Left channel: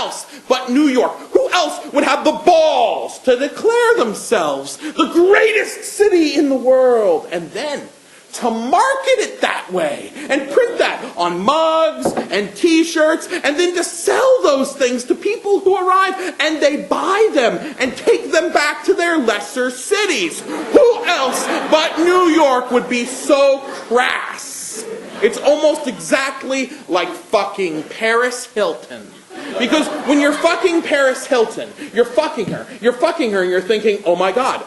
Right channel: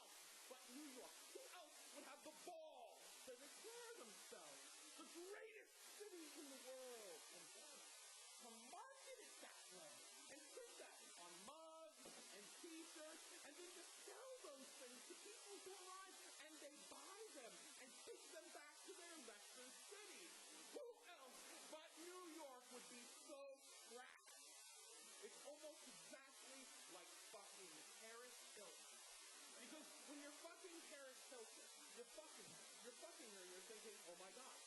else but New York? Who else would have the balls to declare themselves the greatest city in the world? And then to market it that way and print that on mugs and t-shirts and then to sell those things to people who arrive and they buy them and take them back to their lesser cities. Who else but New York would be so crass? It's almost exactly like fucking Paris Hilton. Because when you're fucking Paris Hilton, you're fucking her and you're thinking, oh my God,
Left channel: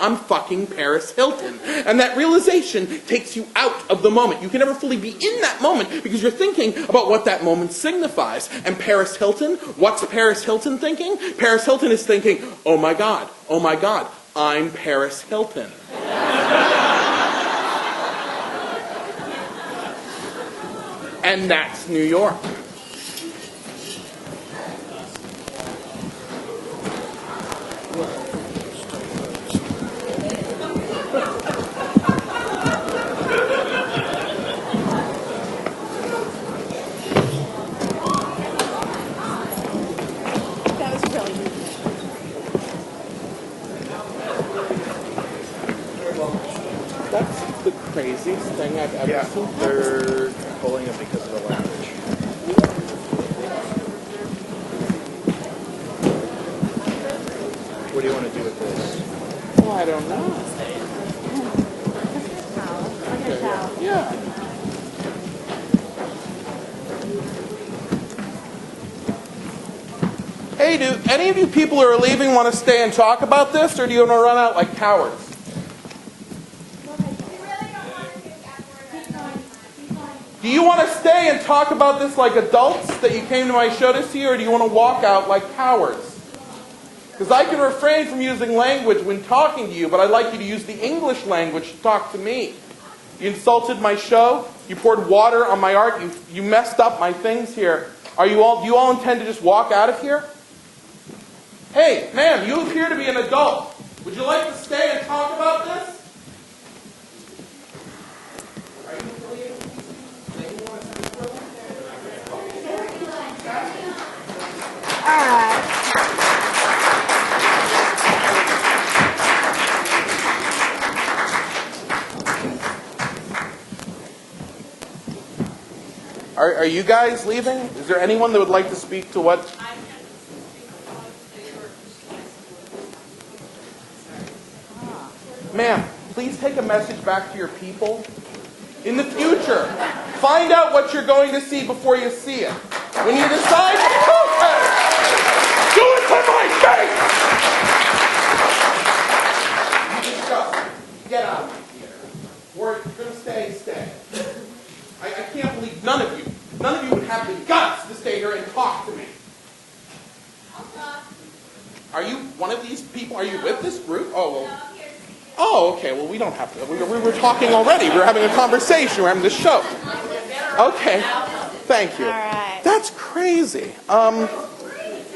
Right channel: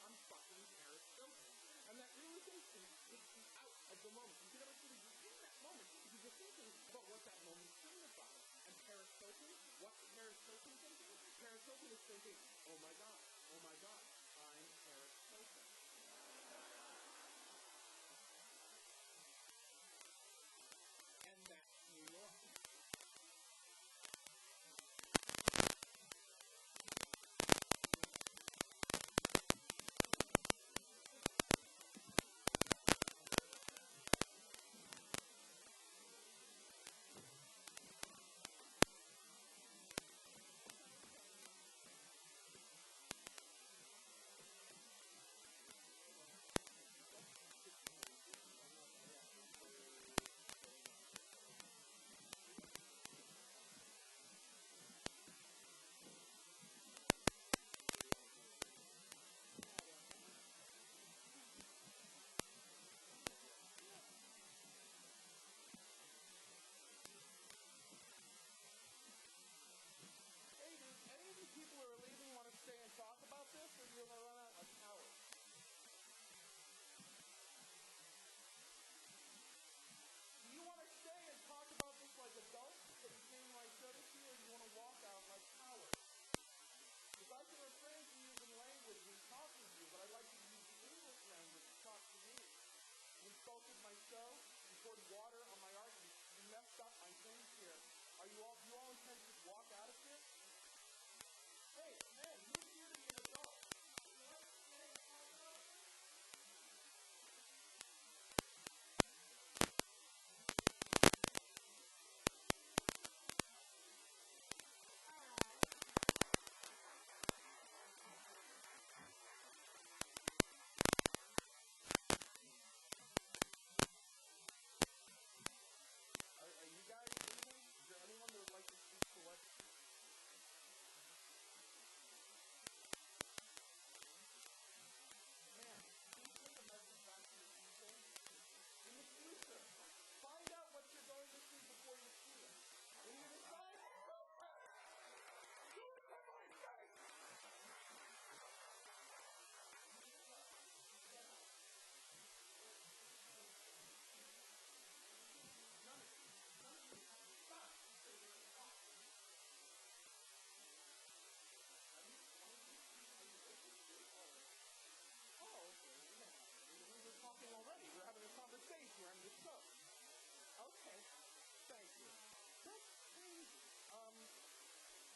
I'm fucking Paris Hilton. And that realization takes you out of the moment. You can never fully be in that moment because you're thinking about what that moment signifies. And Paris Hilton, what's Paris Hilton thinking? Paris Hilton is thinking, oh my God, I'm Paris Hilton. And that's New York. That's the craziest thing I've ever seen. They're pulling it because of the language. What do you want to do with this? Oh, I don't know. Yeah. Hey, do any of you people who are leaving want to stay and talk about this, or do you want to run out like cowards? Do you want to stay and talk about this like adults that you came to my show to see, or do you want to walk out like cowards? Because I can refrain from using language when talking to you, but I'd like you to use the English language to talk to me. You insulted my show. You poured water on my art. You messed up my things here. Do you all intend to just walk out of here? Hey, ma'am, you appear to be an adult. Would you like to stay and talk about this? Are you guys leaving? Is there anyone that would like to speak to what? Ma'am, please take a message back to your people. In the future, find out what you're going to see before you see it. When you decide to protest, do it to my face! You disgust. Get out of here. Or if you're going to stay. I can't believe none of you would have the guts to stay here and talk to me. Are you one of these people? Are you with this group? Oh, okay. Well, we don't have to. We were talking already. We were having a conversation. We're having this show. Okay. Thank you. All right. That's crazy.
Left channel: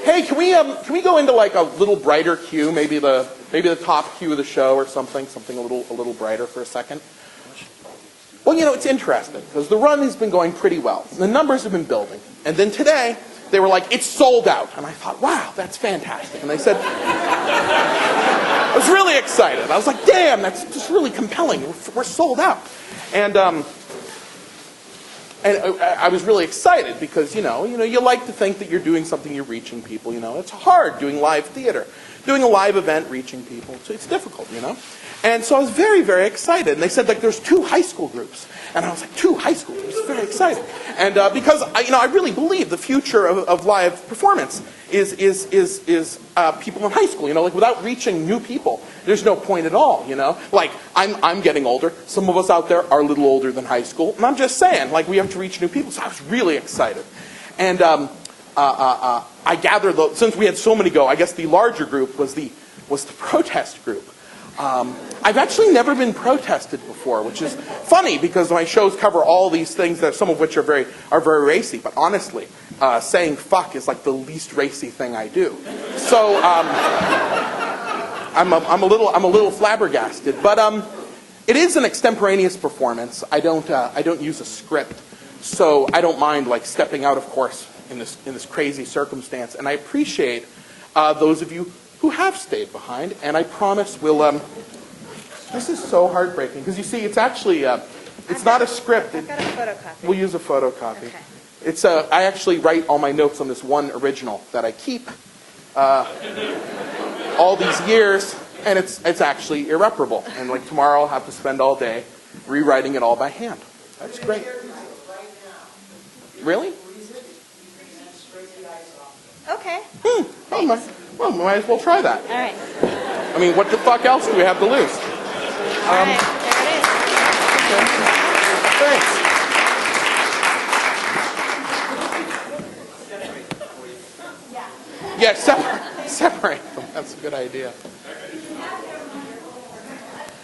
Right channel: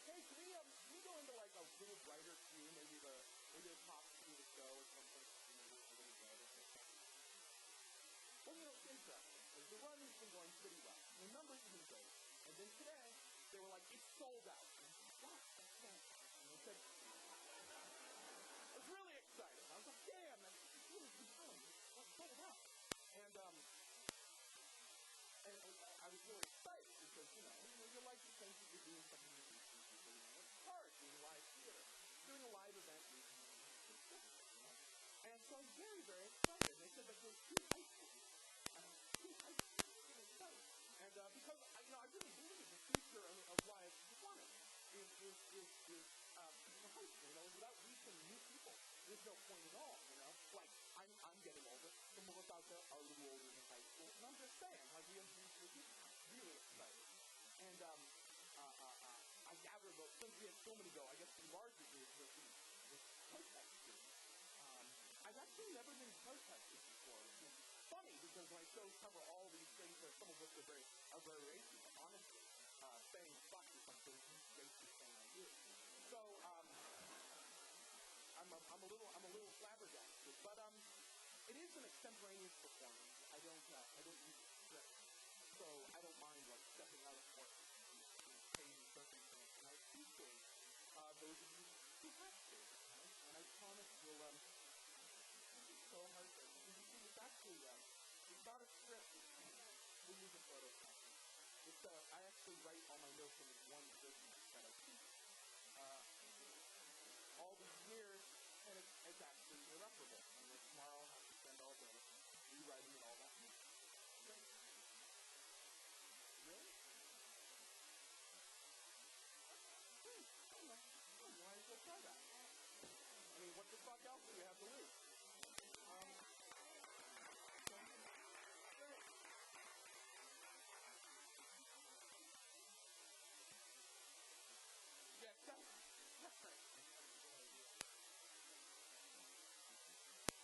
Hey, can we go into like a little brighter cue? Maybe the top cue of the show or something a little brighter for a second. Well, it's interesting because the run has been going pretty well. The numbers have been building. And then today, they were like, it's sold out. And I thought, wow, that's fantastic. And they said, I was really excited. I was like, damn, that's just really compelling. We're sold out. And I was really excited because, you like to think that you're doing something, you're reaching people, It's hard doing live theater, doing a live event, reaching people. So it's difficult, And so I was very, very excited. And they said, there's 2 high school groups. And I was like, 2 high school groups? Very excited. And because, I really believe the future of live performance is people in high school. Without reaching new people, there's no point at all, Like, I'm getting older. Some of us out there are a little older than high school. And I'm just saying, we have to reach new people. So I was really excited. And I gathered, since we had so many go, I guess the larger group was the protest group. I've actually never been protested before, which is funny because my shows cover all these things, that some of which are very racy. But honestly, saying fuck is like the least racy thing I do. So I'm a little flabbergasted. But it is an extemporaneous performance. I don't use a script, so I don't mind stepping out, of course, in this crazy circumstance. And I appreciate those of you who have stayed behind. And I promise we'll. This is so heartbreaking because you see, it's actually it's not a script. I've got a photocopy. We'll use a photocopy. Okay. It's I actually write all my notes on this one original that I keep all these years, and it's actually irreparable. And like tomorrow, I'll have to spend all day rewriting it all by hand. That's great. Really? Okay. Oh well, we might as well try that. All right. I mean, what the fuck else do we have to lose? All right. There it is. Thanks. Yeah, separate them. That's a good idea.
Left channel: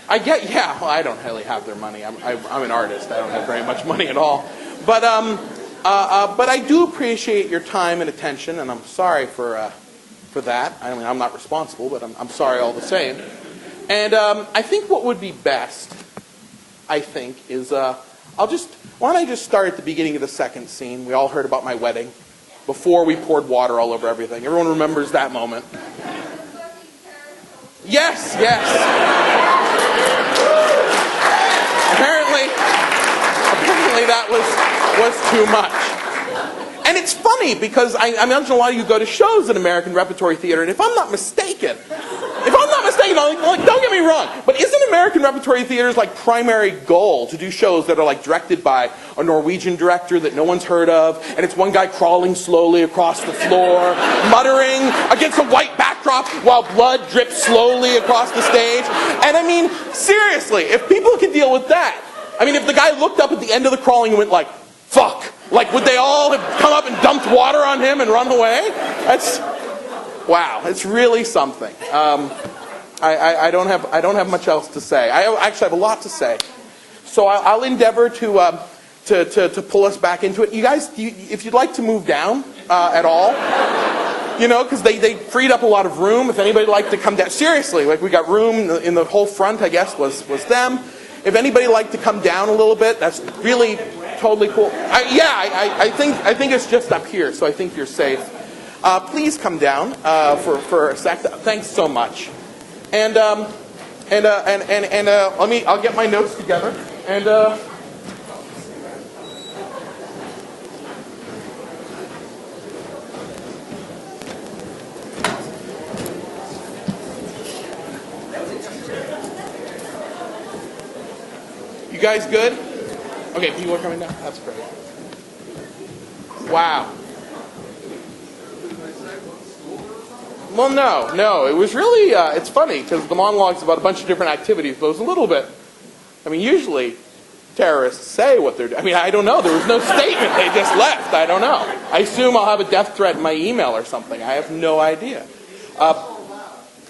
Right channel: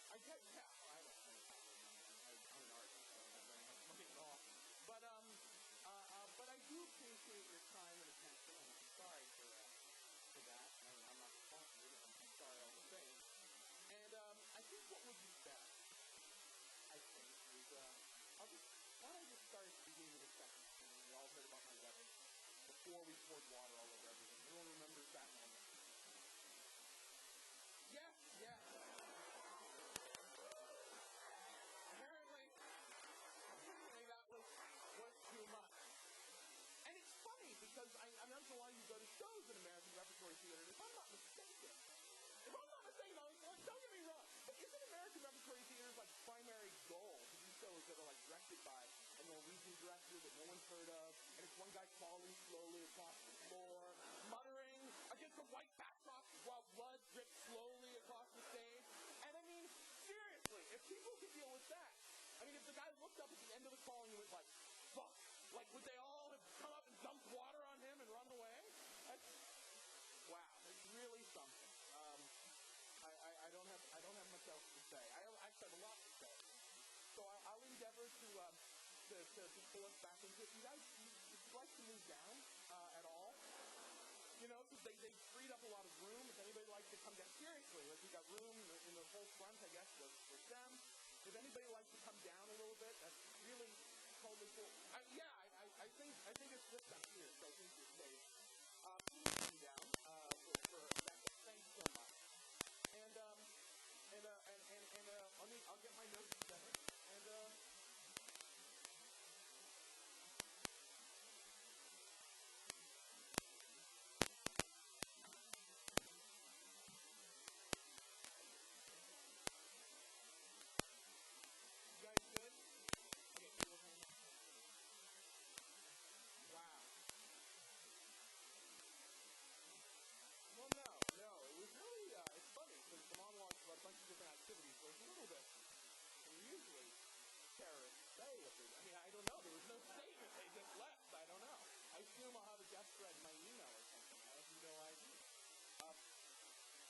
Well, I don't really have their money. I'm an artist. I don't have very much money at all. But I do appreciate your time and attention, and I'm sorry for that. I mean, I'm not responsible, but I'm sorry all the same. And I think what would be best, is why don't I just start at the beginning of the second scene? We all heard about my wedding, before we poured water all over everything. Everyone remembers that moment. Yes. Apparently that was too much. And it's funny because I imagine a lot of you go to shows at American Repertory Theater, and if I'm not mistaken, don't get me wrong, but isn't American Repertory Theater's like primary goal to do shows that are like directed by a Norwegian director that no one's heard of, and it's one guy crawling slowly across the floor, muttering against a white backdrop while blood drips slowly across the stage? And I mean, seriously, if people could deal with that, I mean, if the guy looked up at the end of the crawling and went like, fuck, like would they all have come up and dumped water on him and run away? Wow, it's really something. I don't have much else to say. I actually have a lot to say. So I'll endeavor to pull us back into it. You guys, if you'd like to move down at all, because they freed up a lot of room. If anybody'd like to come down, seriously, like we got room in the whole front, I guess, was them. If anybody'd like to come down a little bit, that's really totally cool. I think it's just up here, so I think you're safe. Please come down for a sec. Thanks so much. And I'll get my notes together. And you guys good? Okay, people are coming down. That's great. Wow. Well, no. It was really, it's funny, because the monologue's about a bunch of different activities, but it was a little bit, I mean, usually terrorists say what they're doing. I mean, I don't know. There was no statement. They just left. I don't know. I assume I'll have a death threat in my email or something. I have no idea.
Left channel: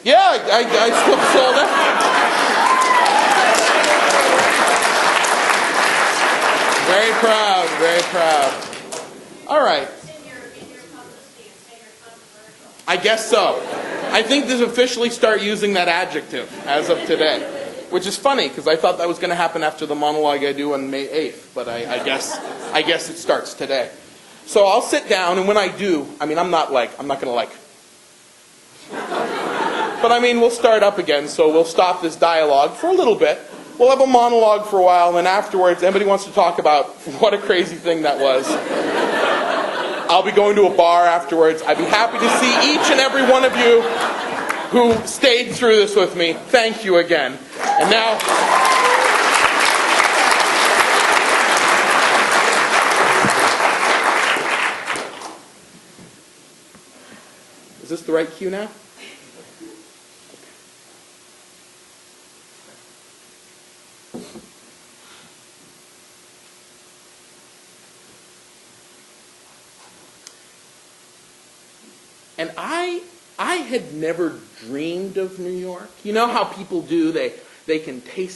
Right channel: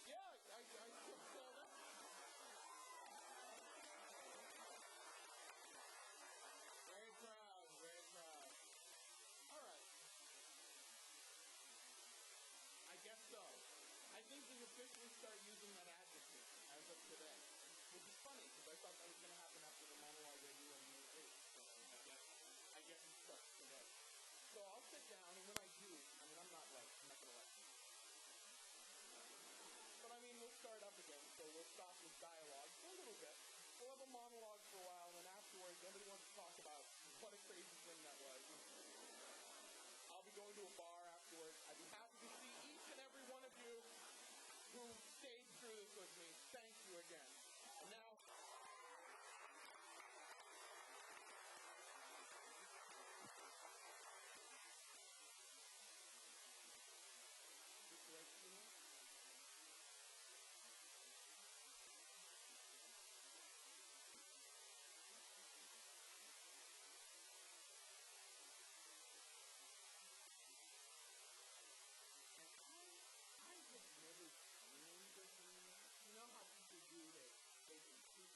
Yeah, I still sold it. Very proud, very proud. All right. I guess so. I think this officially start using that adjective as of today, which is funny because I thought that was going to happen after the monologue I do on May 8th, but I guess it starts today. So I'll sit down, and when I do, I mean, I'm not going to but I mean, we'll start up again, so we'll stop this dialogue for a little bit. We'll have a monologue for a while, and then afterwards, anybody wants to talk about what a crazy thing that was, I'll be going to a bar afterwards. I'd be happy to see each and every one of you who stayed through this with me. Thank you again. And now, is this the right cue now? And I had never dreamed of New York. You know how people do, they can taste